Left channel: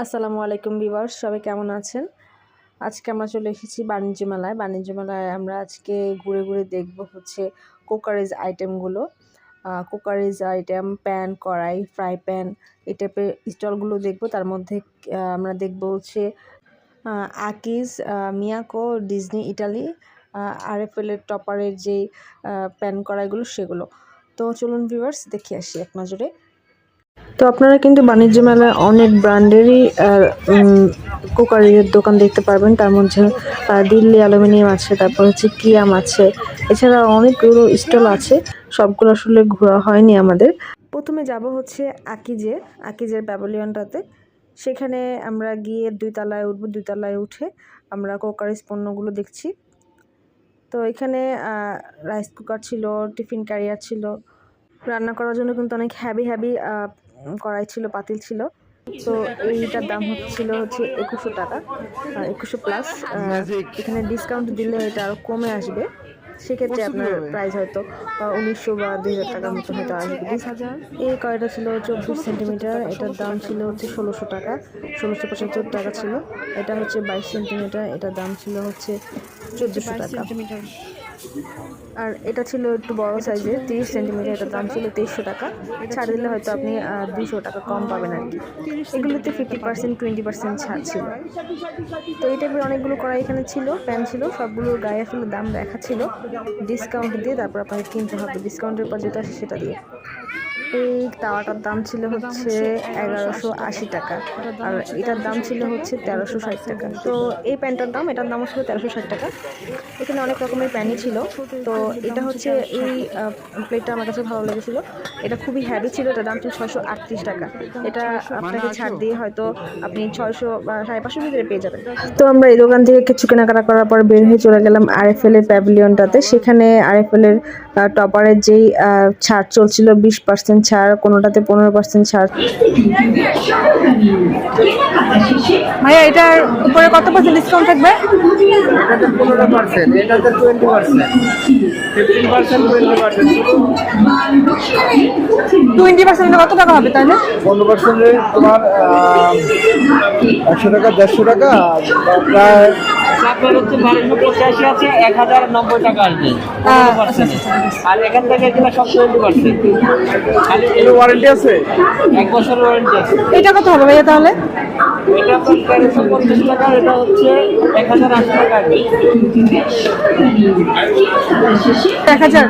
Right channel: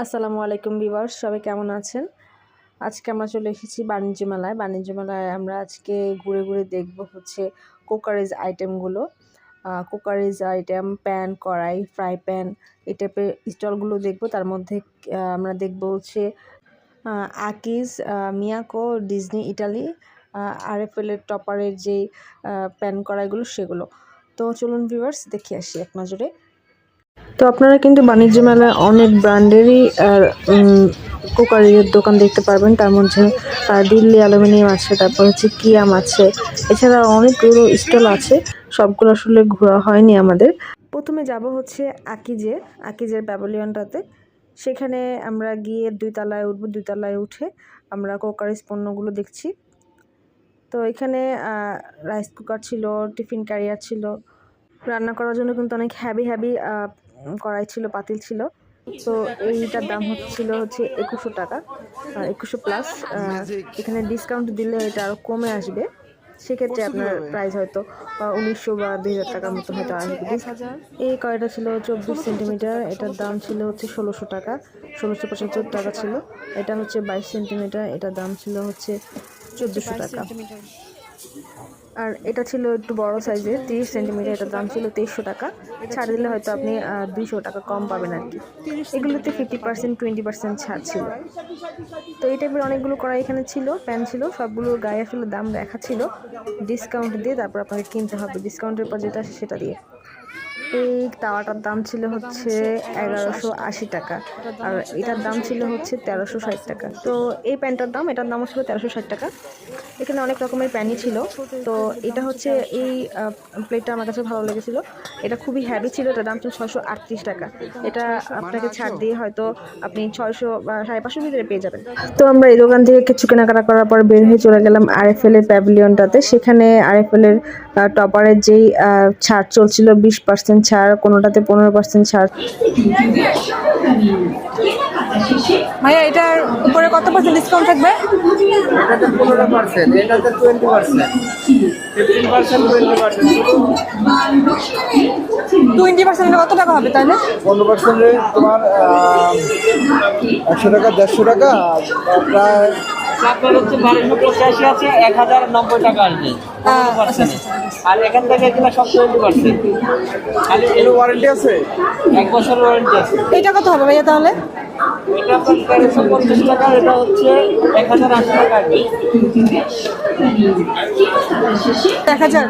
আসসালামু আলাইকুম ভিউয়ার্স, সবাই কেমন আছেন? আজকে আমরা চলে এসেছি বাণিজ্য মেলায়। বাণিজ্য মেলায় আমরা আজকে ঘুরে ঘুরে দেখব হচ্ছে কুকারিজ আইটেমগুলো। কুকারিজ আইটেম, প্যান, কড়াই, ফ্রাই প্যান এই টাইপের স্টলগুলো দেখব। তার মধ্যে আমরা দেখব হচ্ছে আকিজ, মিয়াকো, ডিজনি ইটালি, আরএফএলের টপারের যেই প্যান কড়াইগুলো সেগুলো। তো চলুন ভিউয়ার্স দেখে আসি এক নজরে। তো আপনারা কিন্তু বাণিজ্য মেলায় অনেক ব্র্যান্ডেরই কুকারের দোকান দেখতে পারবেন। তার মধ্যে দিল্লি অ্যালুমিনিয়াম আছে, তারপর হচ্ছে কিয়াম আছে, এছাড়া অনেকগুলো স্টল আছে। সবগুলো আসলে ঘোরা হয়নি আমাদের। প্রথমে যাব হচ্ছে আকিজের প্যাভিলিয়নটাতে। সেখানে আমরা গিয়ে 2 তলায় উঠবো। 2 তলায় উঠে আমরা কুকারিজ পণ্যগুলো দেখছি। তো এখানে রাইস কুকার ছিল, টিফিন ক্যারিয়ার ছিল, রান্না করার জন্য কিন্তু অনেক হ্যাভি কড়াই ছিল, পাতিল ছিল। তো এইটার দাম হচ্ছে 2100 টাকা, 2100 প্লাস। এখানে ডিসকাউন্ট দিলে এটা আরও কমে আসবে। সেক্ষেত্রে আপনার প্রাইস হয়তো 1900 বা 2000 টাকার মতো হয়তো আসবে। এই কড়াইটা ছিল 24 সেন্টিমিটার, এটার দাম ছিল হচ্ছে 1600 টাকা, 1675 টাকা ছিল। এটা হচ্ছে 22 সেন্টিমিটার, এটার দাম ছিল হচ্ছে 1400 টাকা। আর এটা ছিল একটু বড় সাইজের, 30 সেন্টিমিটার, এটার দাম ছিল 2300 টাকা। ছাড় দিলে হয়তো আপনি 200 টাকা কম পাবেন আর কি। এগুলোতে 50% 20% ছাড় ছিল। তো এই টাইপের অনেকগুলো কড়াই এখানে ছিল, প্যান ছিল, সবগুলোর গায়ে আসলে দাম লেখা ছিল। ডিসকাউন্ট দিয়ে তারপর আপনাকে কিনতে হবে, ডিসকাউন্টের পর যেটা আসে সেটা দিয়ে। এই তাওয়াটার দাম ছিল হচ্ছে 1180 টাকা, আর এটার দাম ছিল হচ্ছে 1360 টাকা। তো এই প্যানটার দাম, এটার দামও ছিল 1360 টাকা। এখানে অনেক রকমের প্যানই ছিল। তো এটা হচ্ছে এই প্লেটটা আমার কাছে ভালো লেগেছিল। এটা খুবই হ্যাভি ছিল, এটার দাম ছিল 638 টাকা। এটা আপনাকে ছাড় দিয়ে হয়তো আপনি 600 বা 550 ভিতরে পেয়ে যাবেন। তো আমরা এই দোকান থেকে কিছু কেনাকাটা করার পর বের হয়ে চলে গেলাম আরএফএল এর প্যাভিলিয়নটাতে। সেখানে আরএফএল এর টপারের যেই ছাড় চলছিল, 20% ছাড়, কোনোটাতে 15% ছাড়। ভাইয়া এটার উপরে কত পার্সেন্ট ডিসকাউন্ট থাকবে? এটাতে 15%, এটাতে 20%, 15%, 20% কত টাকা হবে তাহলে? 15% তোমার 100 টাকা, 150 টাকা, প্রায় আপনার হচ্ছে 1285 আছে, 1090 টাকা আসবে 15%। আর এখান থেকে এগুলো সব 20%। খালি এর ওয়ারেন্টি আছে। 1 বছর ওয়ারেন্টি আছে। এটা কত হবে ভাইয়া তাহলে? এটা আপনার 1350 টাকা, এটা হচ্ছে 1080 টাকা আসবে। 1000।